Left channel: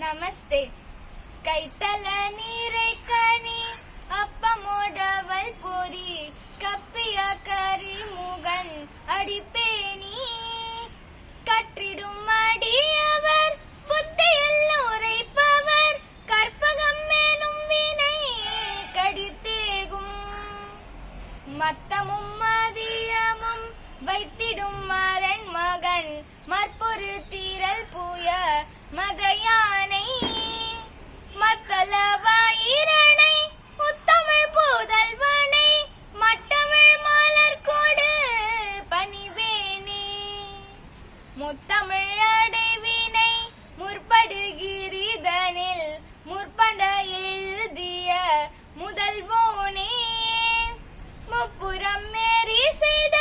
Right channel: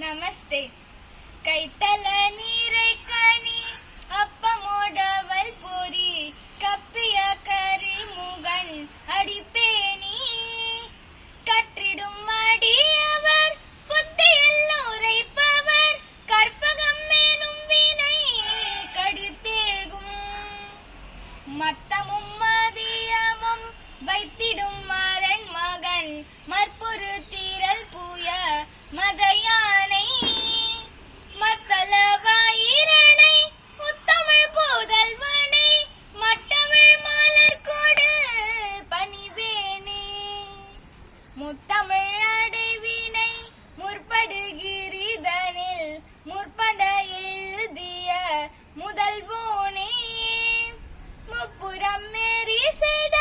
நமஸ்தே. கைத்தல நீரை கனி அப்பமோடவல் பொறி கப்பிய கரிமுகன் அடிப்பேனி கற்றிடும் அடியவர் புத்தியில் உரைப்பவர் கற்பகம் மேனும் வினை கடித்தேகும் மத்தமும் மதியமும் வைத்திடும் மரன் மகன் மற்பொரு தீரல் பூய மதயானை மத்தளவாயிரனை முத்தமிழ் புதல்வனை மட்டமிழ் மலர் கொடு பணிவேனே முத்தமிழ் அடைவினை முற்படுகிரிதனில் முற்பட எழுதிய முதல்வோனே முப்புறம் மேறி செய்த